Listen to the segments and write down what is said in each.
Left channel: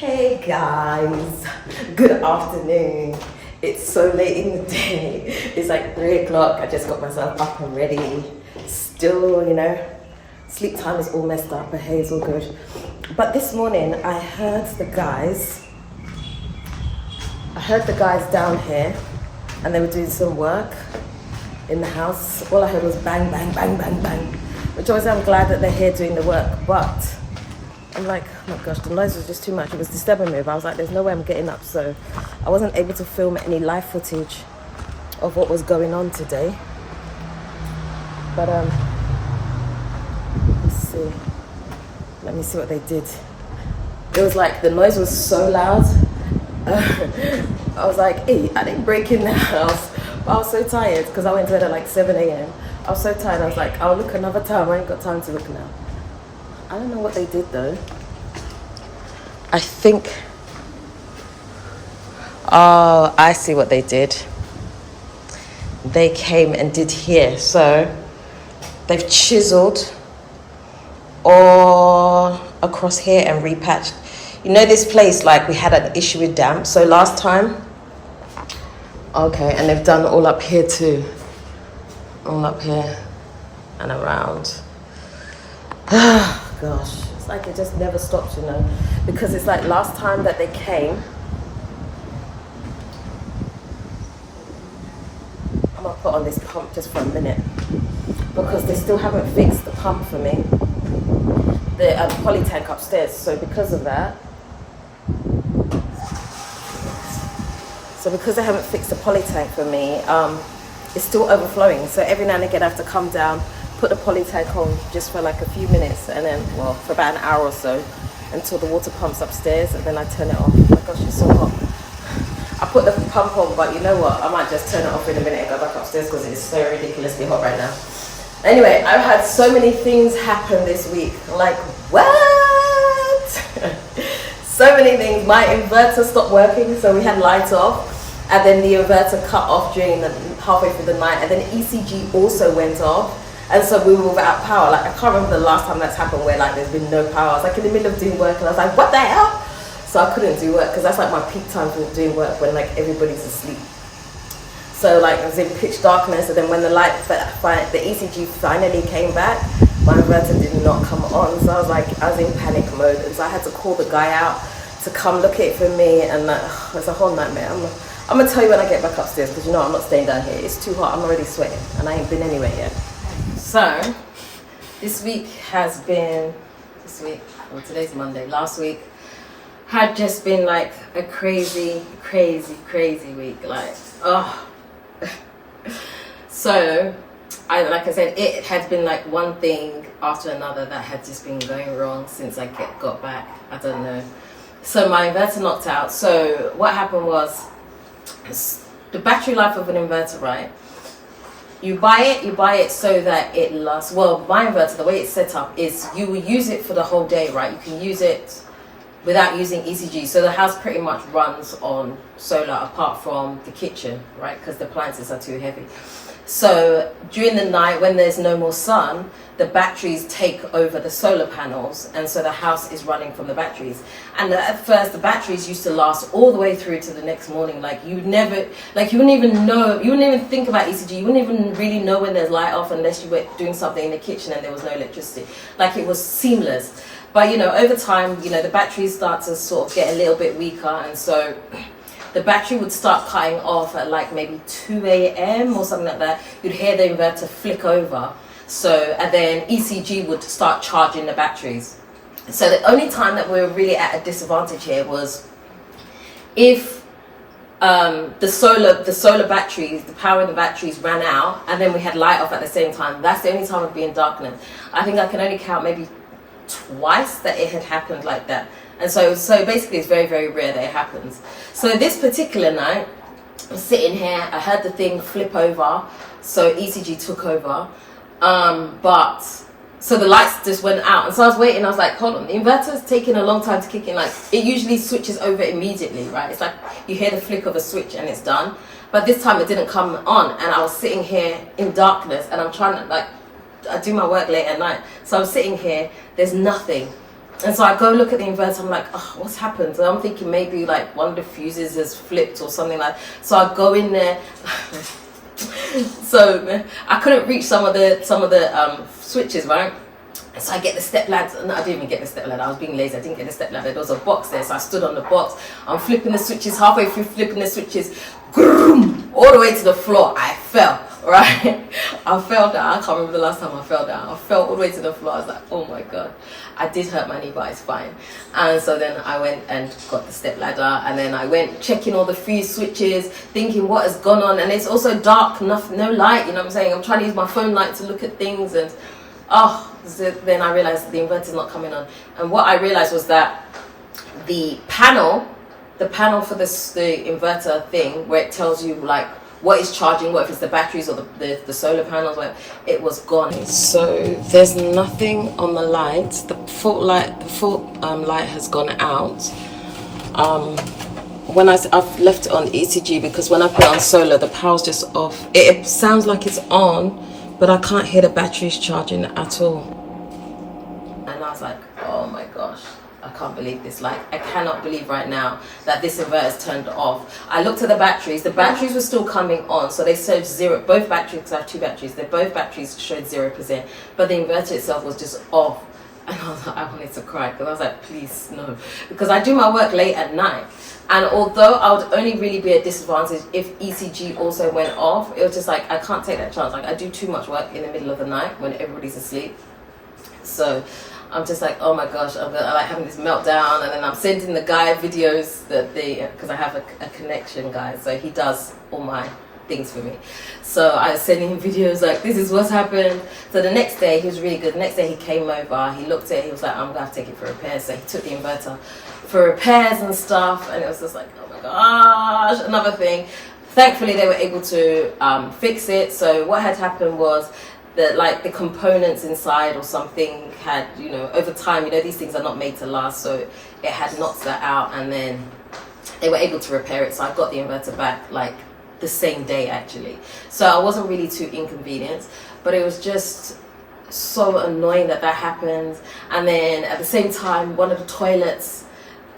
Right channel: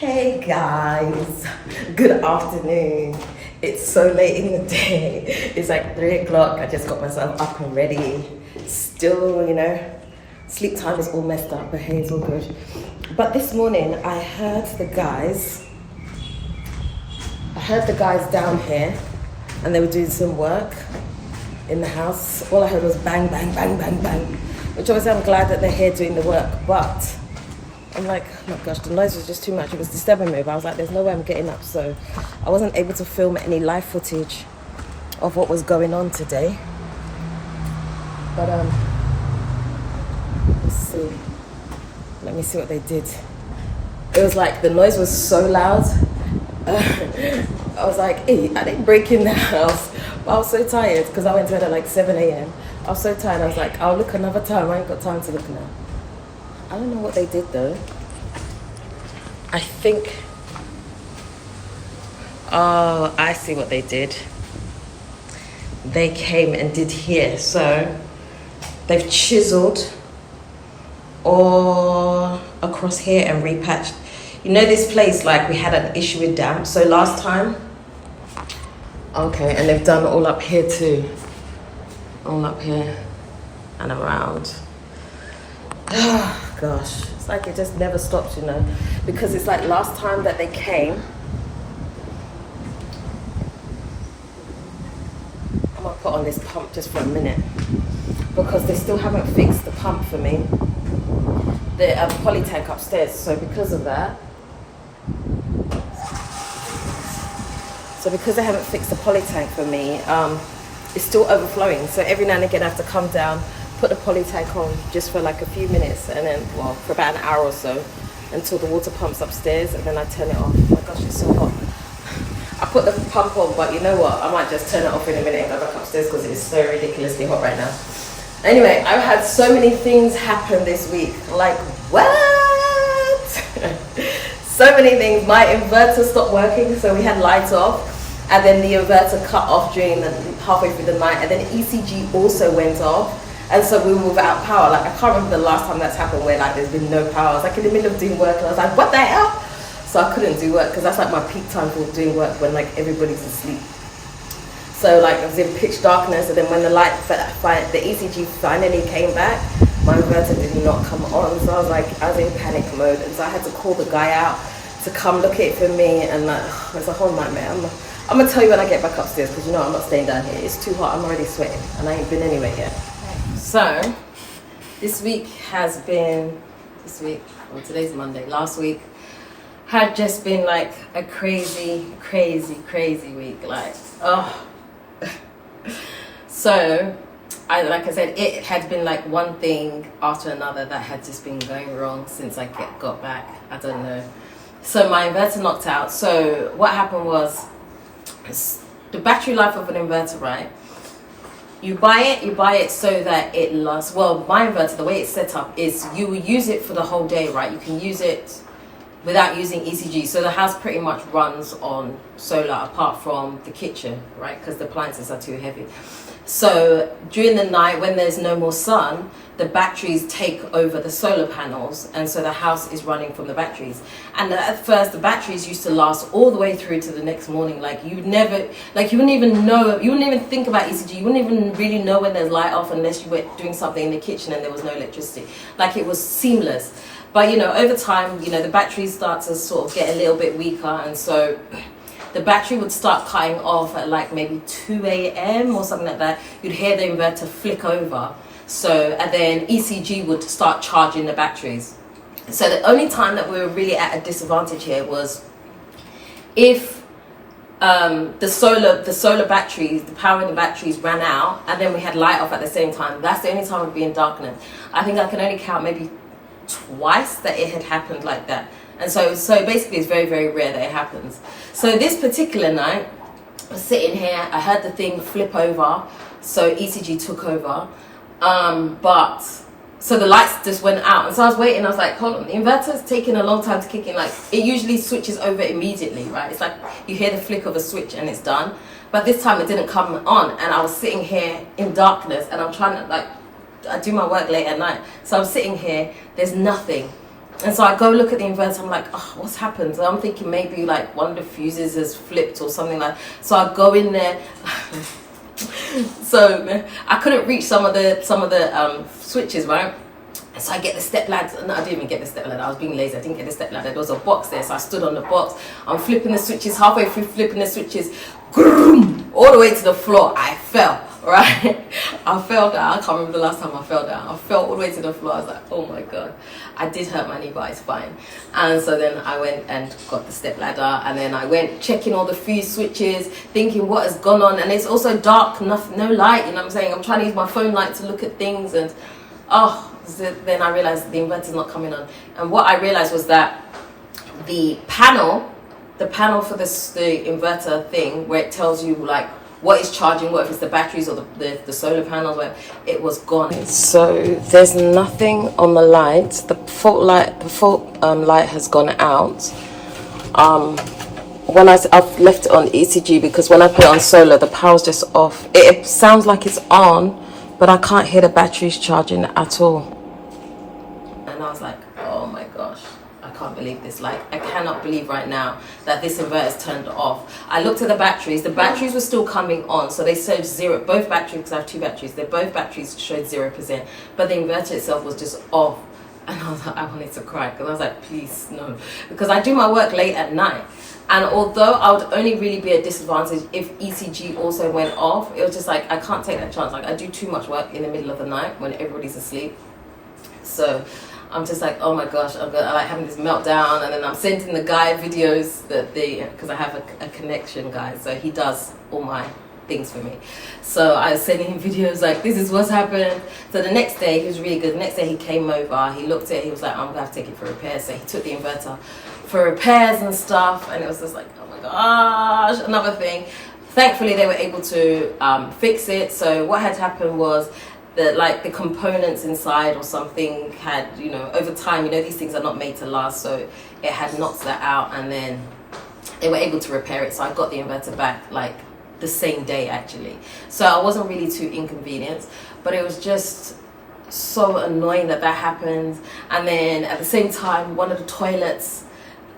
Hey guys, good afternoon. It's so late in the day. It's like 3 o'clock. I just got myself up and ready. Still, sleep time is all messed up, but hey, it's all good. But this morning I heard the guys down here and they were doing some work in the house. All I heard was bang, bang, bang, bang, bang. Which obviously I'm glad that they're here doing the work, but I'm like, oh my gosh, the noise was just too much. It was disturbing me, but I was like, there's no way I'm getting up. So I wasn't able to film any live footage of what was going on today. But let's see. Let me see what they did. It was like, the noise was so loud. I was like, hey, I didn't break in the house. But I was so tired because I went to bed at like 7 a.m. I was so tired. I was like, I'll look another time. I ain't got time to look now. I don't know what they did though. I think, oh, I see what they did. They came and did here. So they've chiseled all across here and repatched. You know this place, like we had an issue with damp. So last time, okay, and they've done all up here too. All up here and around. Gosh, it's like it just never stops, because it's like last time that they came, I'm gonna put on this pump just for a minute because they still haven't fixed the pump for me, the poly tank upstairs. So because of that, because they haven't fixed the poly tank for me, it's still overflowing. So every now and again I have to come down, put the poly tank on just for like a few minutes, and then, well, for about an hour or so until the water pump's upstairs, and then I turn it off. Oh my gosh, it's so hot. I put the pump on, but you know what? I might just turn it off in a minute and go back upstairs because it's so ridiculously hot right now. Anyway, I've had so many things happen this week. Like, what? So many things. My inverter stopped working, so we had lights off. And then the inverter cut off during the halfway through the night. And then ECG also went off. And so we were without power. Like, I can't remember the last time that's happened where like there's been no power. I was like in the middle of doing work and I was like, what the hell? So I couldn't do work because that's like my peak time for doing work, when like everybody's asleep. So like I was in pitch darkness, and then when the ECG finally came back, my inverter did not come on. So I was in panic mode. And so I had to call the guy out to come look at it for me. And like, it's a whole nightmare. I'm gonna tell you when I get back upstairs, because I'm not staying down here. It's too hot. I'm already sweating and I ain't been anywhere yet. So, this week, well, today's Monday, last week had just been like a crazy, crazy, crazy week. Like, oh. So, like I said, it had been like one thing after another that had just been going wrong since I got back. I don't know. So my inverter knocked out. So what happened was, the battery life of an inverter, right? You buy it so that it lasts. Well, my inverter, the way it's set up is you will use it for the whole day, right? You can use it without using ECG. So the house pretty much runs on solar apart from the kitchen, right? Because the appliances are too heavy. So during the night when there's no more sun, the batteries take over the solar panels, and so the house is running from the batteries. And at first the batteries used to last all the way through to the next morning. Like you wouldn't even think about ECG. You wouldn't even really know when there's light off unless you were doing something in the kitchen and there was no electricity. Like it was seamless. But over time, the batteries start to sort of get a little bit weaker, and so the battery would start cutting off at like maybe 2 a.m. or something like that. You'd hear the inverter flick over. And then ECG would start charging the batteries. So the only time that we were really at a disadvantage here was if the solar batteries, the power in the batteries ran out, and then we had light off at the same time. That's the only time we'd be in darkness. I think I can only count maybe twice that it had happened like that. And so basically it's very, very rare that it happens. So this particular night, I was sitting here, I heard the thing flip over, so ECG took over. So the lights just went out, and so I was waiting. I was like, hold on, the inverter's taking a long time to kick in. Like it usually switches over immediately, right? It's like you hear the flick of a switch and it's done. But this time it didn't come on, and I was sitting here in darkness, and I'm trying to I do my work late at night. So I'm sitting here, there's nothing. And so I go look at the inverter, I'm like, oh, what's happened? So I'm thinking maybe like one of the fuses has flipped or something like that. So I go in there. So I couldn't reach some of the switches, right? So I get the step ladder. No, I didn't even get the step ladder. I was being lazy. I didn't get the step ladder. There was a box there, so I stood on the box. I'm flipping the switches. Halfway through flipping the switches, all the way to the floor. I fell. Right? I fell down. I can't remember the last time I fell down. I fell all the way to the floor. I was like, oh my god. I did hurt my knee, but it's fine. And so then I went and got the step ladder, and then I went checking all the fuse switches, thinking what has gone on. And it's also dark, no light, you know what I'm saying? I'm trying to use my phone light to look at things, and then I realized the inverter's not coming on. And what I realized was that the panel for the inverter thing, where it tells you like what is charging, what if it's the batteries or the solar panels, where it was gone. So there's nothing on the light. The fault light has gone out. When I've left it on ECG, because when I put it on solar, the power's just off. It sounds like it's on, but I can't hear the batteries charging at all. And I was like, oh my gosh, I can't believe this. Like, I cannot believe right now that this inverter is turned off. I looked at the batteries were still coming on, so they showed zero. Both batteries, because I have two batteries, both batteries showed 0%, but the inverter itself was just off. And I was like, I wanted to cry, because I was like, please no, because I do my work late at night. And although I would only really be at disadvantage if ECG also went off, it was just like, I can't take that chance. Like, I do too much work in the middle of the night when everybody's asleep. So I'm just like, oh my gosh, I'm like having this meltdown. And then I'm sending the guy videos because I have a connection guy, so he does all my things for me. So I was sending him videos like, this is what's happened. So the next day, he was really good. The next day he came over, he looked at it, he was like, I'm gonna have to take it for repairs. So he took the inverter for repairs and stuff, and it was just like, oh my gosh, another thing. Thankfully they were able to fix it. So what had happened was that like the components inside or something had, over time, these things are not made to last, so it had knocked that out, and then they were able to repair it. So I got the inverter back like the same day actually. So I wasn't really too inconvenienced, but it was just so annoying that happened. And then at the same time, one of the toilets,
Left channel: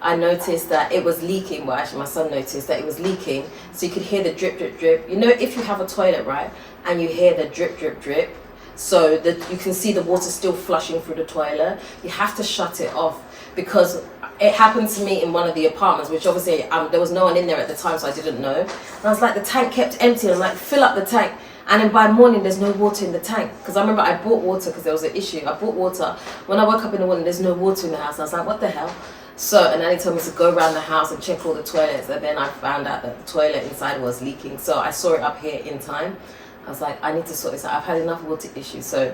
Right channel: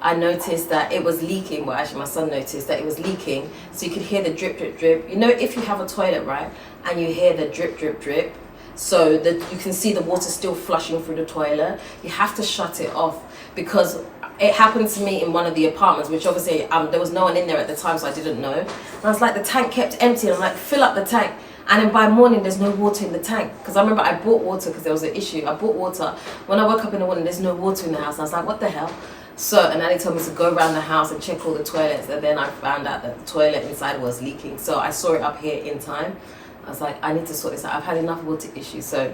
I noticed that it was leaking. Well, actually my son noticed that it was leaking, so you could hear the drip drip drip. If you have a toilet, right, and you hear the drip drip drip, so that you can see the water still flushing through the toilet, you have to shut it off. Because it happened to me in one of the apartments, which obviously there was no one in there at the time, so I didn't know. And I was like, the tank kept empty. I'm like, fill up the tank. And then by morning, there's no water in the tank. Because I remember I bought water because there was an issue. I bought water. When I woke up in the morning, there's no water in the house. And I was like, what the hell? So, and then they told me to go around the house and check all the toilets. And then I found out that the toilet inside was leaking. So I saw it up here in time. I was like, I need to sort this out. I've had enough water issues. So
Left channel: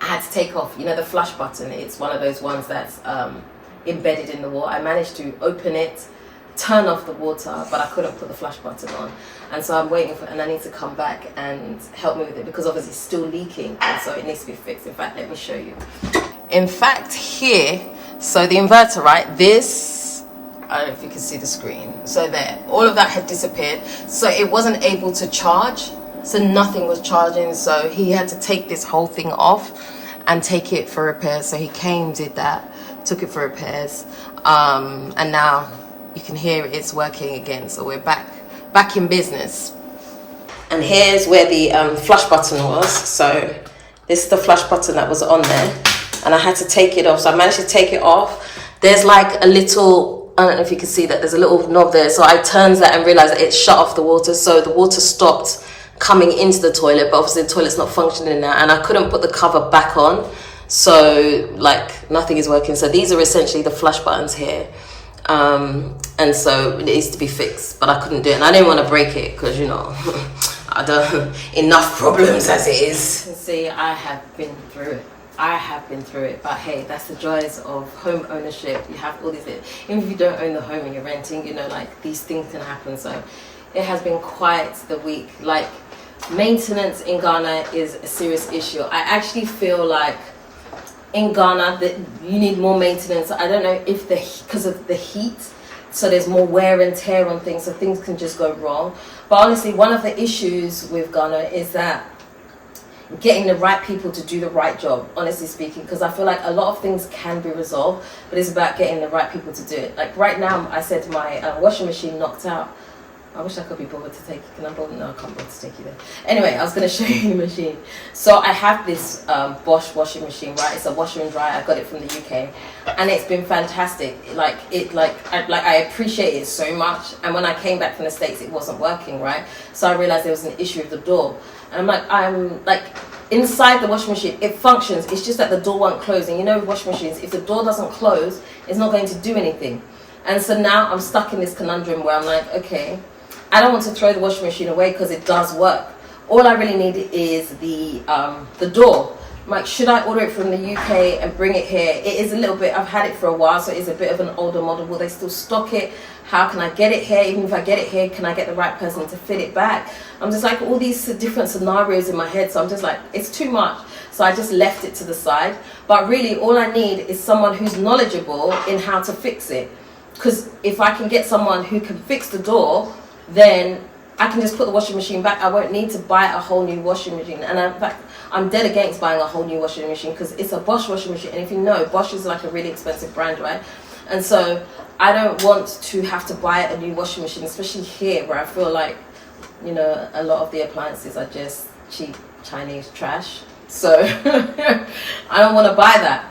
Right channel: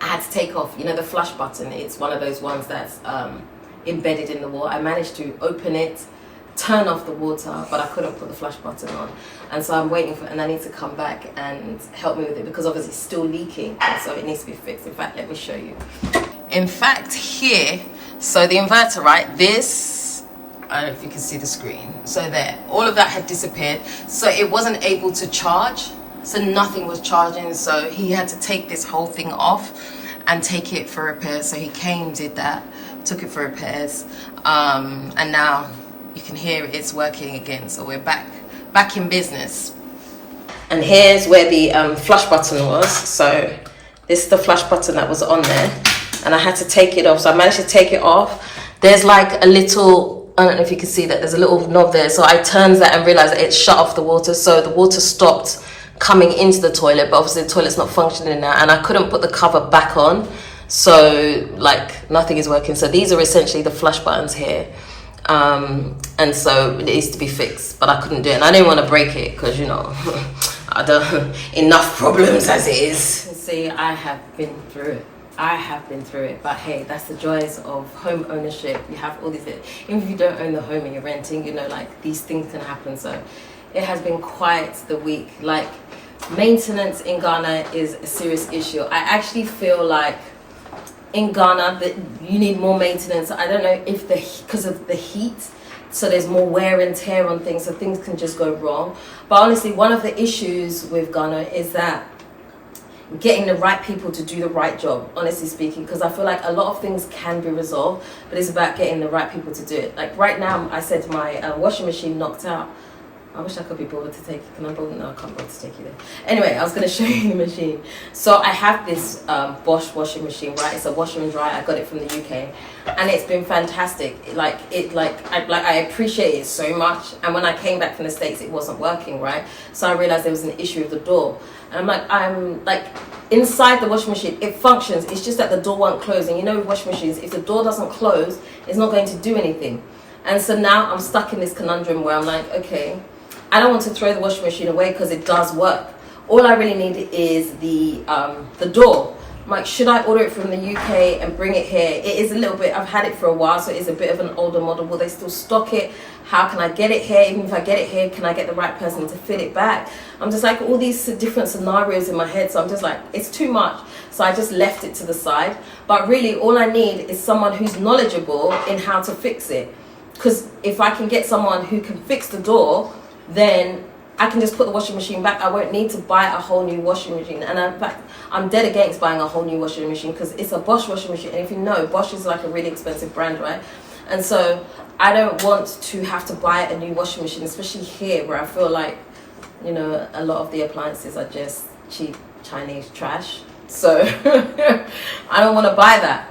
I had to take off, the flush button. It's one of those ones that's embedded in the wall. I managed to open it, turn off the water, but I couldn't put the flush button on. And so I'm waiting and I need to come back and help me with it, because obviously it's still leaking, and so it needs to be fixed. In fact, let me show you. In fact, here, so the inverter, right, this, I don't know if you can see the screen. So there, all of that had disappeared. So it wasn't able to charge. So nothing was charging. So he had to take this whole thing off and take it for repairs. So he came, did that, took it for repairs. And now you can hear it's working again. So we're back in business. And here's where the flush button was. So this is the flush button that was on there. And I had to take it off. So I managed to take it off. There's like a little, I don't know if you can see that, there's a little knob there. So I turned that and realized that it shut off the water. So the water stopped coming into the toilet, but obviously the toilet's not functioning now, and I couldn't put the cover back on. So like nothing is working. So these are essentially the flush buttons here. And so it needs to be fixed, but I couldn't do it. And I didn't want to break it because, I don't, enough problems as it is. See, I have been through it. But hey, that's the joys of home ownership. You have all these, even if you don't own the home and you're renting, like these things can happen. So it has been quite the week. Like, maintenance in Ghana is a serious issue. I actually feel like in Ghana that you need more maintenance. I don't know if because of the heat, so there's more wear and tear on things, so things can just go wrong. But honestly, one of the issues with Ghana is that getting the right people to do the right job, honestly speaking, because I feel like a lot of things can be resolved, but it's about getting the right people to do it. Like right now, I said my washing machine knocked out. I wish I could be bothered to take you. Can I bother? No, I can't bother to take you there. Anyway, I was going to show you the machine. So I have this Bosch washing machine, right? It's a washer and dryer. I got it from the UK, and it's been fantastic. I appreciate it so much. And when I came back from the States, it wasn't working, right? So I realized there was an issue with the door. And I'm like inside the washing machine, it functions. It's just that the door won't close. And you know, with washing machines, if the door doesn't close, it's not going to do anything. And so now I'm stuck in this conundrum where I'm like, okay, I don't want to throw the washing machine away because it does work. All I really need is the door. I'm like, should I order it from the UK and bring it here? It is a little bit, I've had it for a while, so it is a bit of an older model. Will they still stock it? How can I get it here? Even if I get it here, can I get the right person to fit it back? I'm just like all these different scenarios in my head. So I'm just like, it's too much. So I just left it to the side. But really all I need is someone who's knowledgeable in how to fix it. Because if I can get someone who can fix the door, then I can just put the washing machine back. I won't need to buy a whole new washing machine. And in fact, I'm dead against buying a whole new washing machine because it's a Bosch washing machine. And if you know, Bosch is like a really expensive brand, right? And so I don't want to have to buy a new washing machine, especially here where I feel like, you know, a lot of the appliances are just cheap Chinese trash. So I don't want to buy that.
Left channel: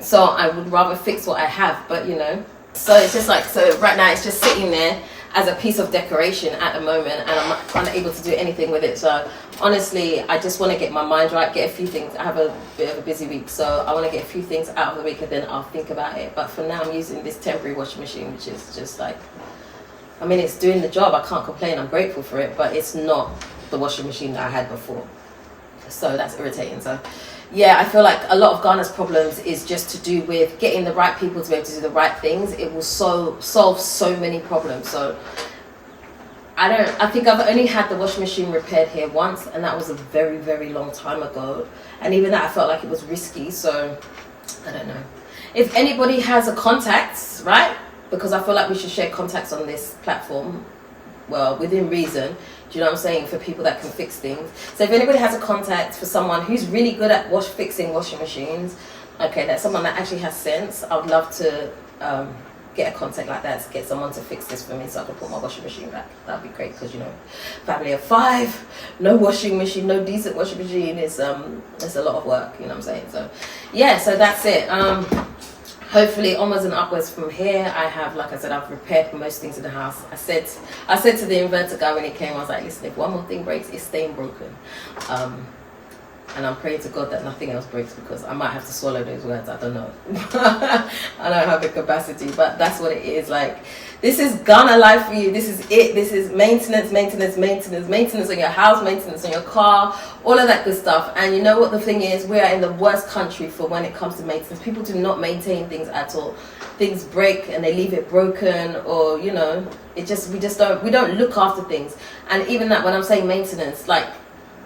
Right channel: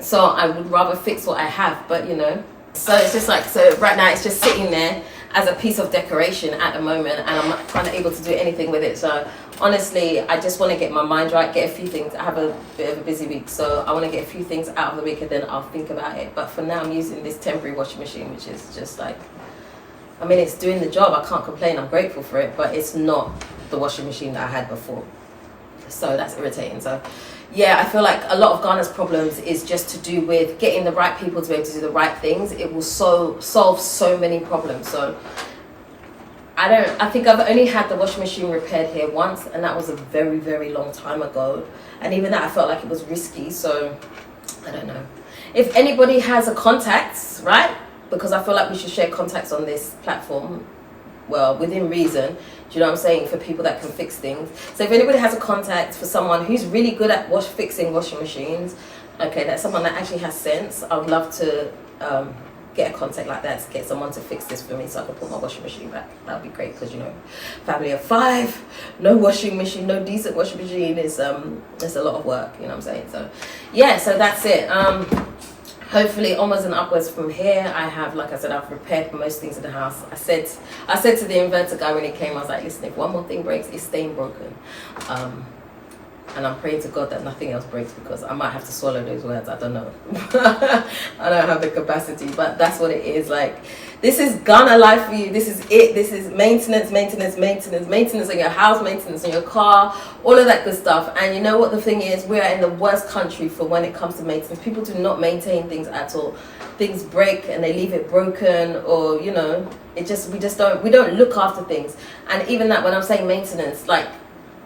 So I would rather fix what I have, but you know. So it's just like, so right now it's just sitting there as a piece of decoration at the moment, and I'm not able to do anything with it. So honestly, I just want to get my mind right, get a few things. I have a bit of a busy week, so I want to get a few things out of the week and then I'll think about it. But for now, I'm using this temporary washing machine, which is just like, I mean, it's doing the job. I can't complain. I'm grateful for it, but it's not the washing machine that I had before. So that's irritating. So yeah, I feel like a lot of Ghana's problems is just to do with getting the right people to be able to do the right things. It will solve so many problems. So I think I've only had the washing machine repaired here once, and that was a very, very long time ago. And even that, I felt like it was risky. So I don't know. If anybody has a contacts, right? Because I feel like we should share contacts on this platform. Well, within reason. Do you know what I'm saying? For people that can fix things. So if anybody has a contact for someone who's really good at fixing washing machines, okay, that's someone that actually has sense. I would love to get a contact like that to get someone to fix this for me so I can put my washing machine back. That would be great because, you know, family of 5, no washing machine, no decent washing machine is it's a lot of work, you know what I'm saying? So yeah, so that's it. Hopefully onwards and upwards from here. I have, like I said, I've repaired most things in the house. I said to the inverter guy when he came, I was like, listen, if one more thing breaks, it's staying broken. And I'm praying to God that nothing else breaks because I might have to swallow those words. I don't know. I don't have the capacity, but that's what it is. Like, this is Ghana life for you. This is it. This is maintenance on your house, maintenance on your car, all of that good stuff. And you know what the thing is? We are in the worst country for when it comes to maintenance. People do not maintain things at all. Things break and they leave it broken, or you know, we don't look after things. And even that, when I'm saying maintenance, like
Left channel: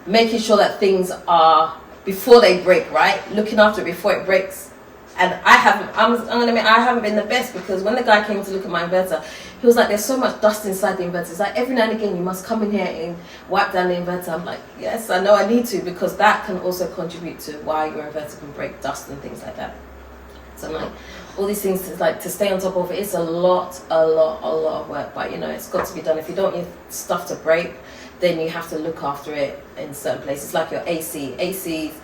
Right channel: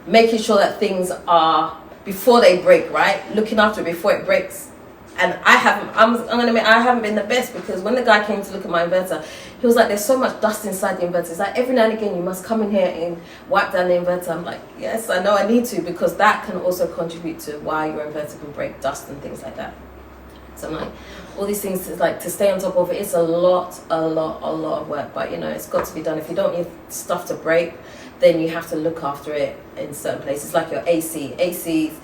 making sure that things are before they break, right? Looking after it before it breaks. And I'm gonna admit, I haven't been the best, because when the guy came to look at my inverter, he was like, there's so much dust inside the inverter. It's like every now and again you must come in here and wipe down the inverter. I'm like, yes, I know I need to, because that can also contribute to why your inverter can break, dust and things like that. So I'm like, all these things to stay on top of it, it's a lot of work, but you know, it's got to be done. If you don't want your stuff to break, then you have to look after it in certain places, like your ACs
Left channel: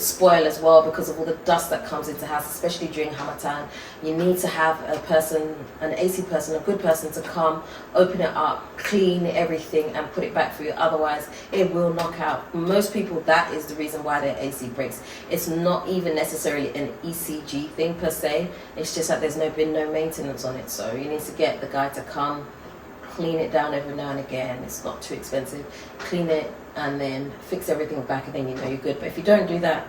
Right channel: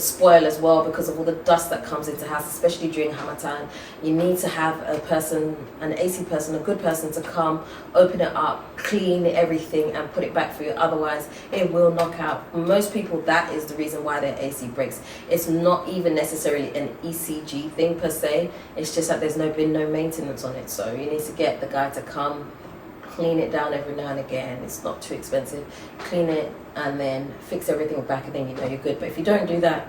spoil as well because of all the dust that comes into the house, especially during Hamatan. You need to have a person, an AC person, a good person to come, open it up, clean everything and put it back for you. Otherwise, it will knock out. Most people, that is the reason why their AC breaks. It's not even necessarily an ECG thing per se. It's just that there's been no maintenance on it. So you need to get the guy to come, clean it down every now and again. It's not too expensive. Clean it and then fix everything back, and then you know you're good. But if you don't do that,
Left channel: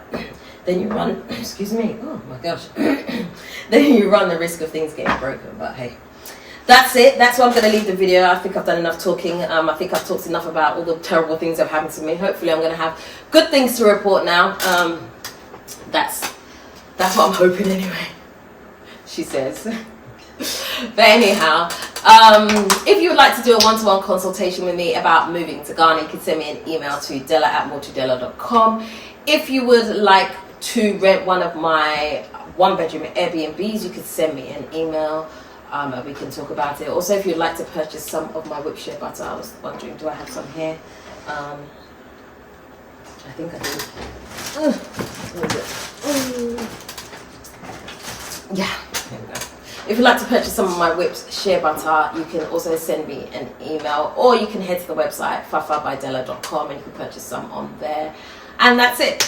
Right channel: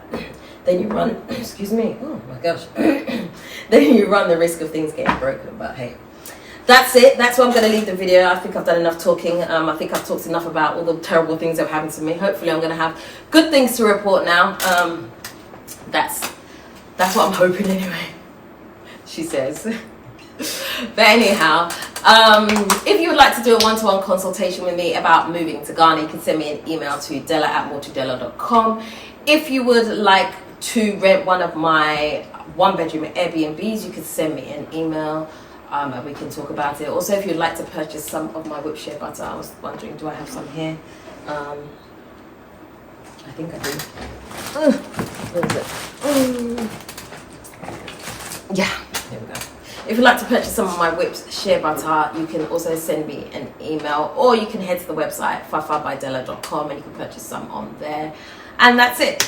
then you run excuse me, oh my gosh then you run the risk of things getting broken. But hey, that's it. That's where I'm going to leave the video. I think I've done enough talking. I think I've talked enough about all the terrible things that have happened to me. Hopefully I'm going to have good things to report now. That's what I'm hoping anyway, she says. But anyhow, If you would like to do a one-to-one consultation with me about moving to Ghana, you can send me an email to dela@watertank.com. If you would like to rent one of my one-bedroom Airbnbs, you can send me an email and we can talk about it. Also, if you'd like to purchase some of my whipped shea butter, I was wondering, do I have some here? I think I do. What is it? Yeah, here we go. If you'd like to purchase some of my whipped shea butter, you can also send me an email, or you can head to the website fafabydela.com and you can purchase some on there. And that's it.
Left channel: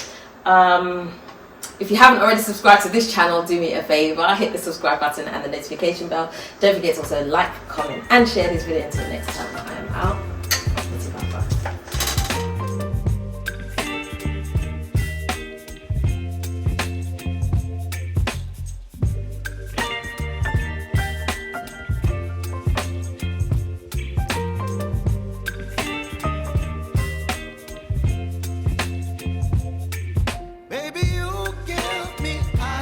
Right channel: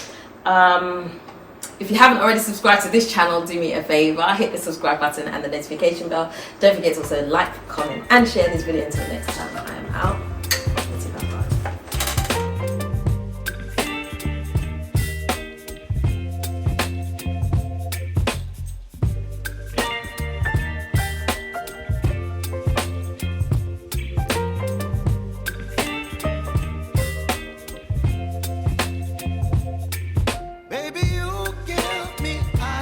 If you haven't already subscribed to this channel, do me a favor, hit the subscribe button and the notification bell. Don't forget to also like, comment and share this video. Until next time, I am out.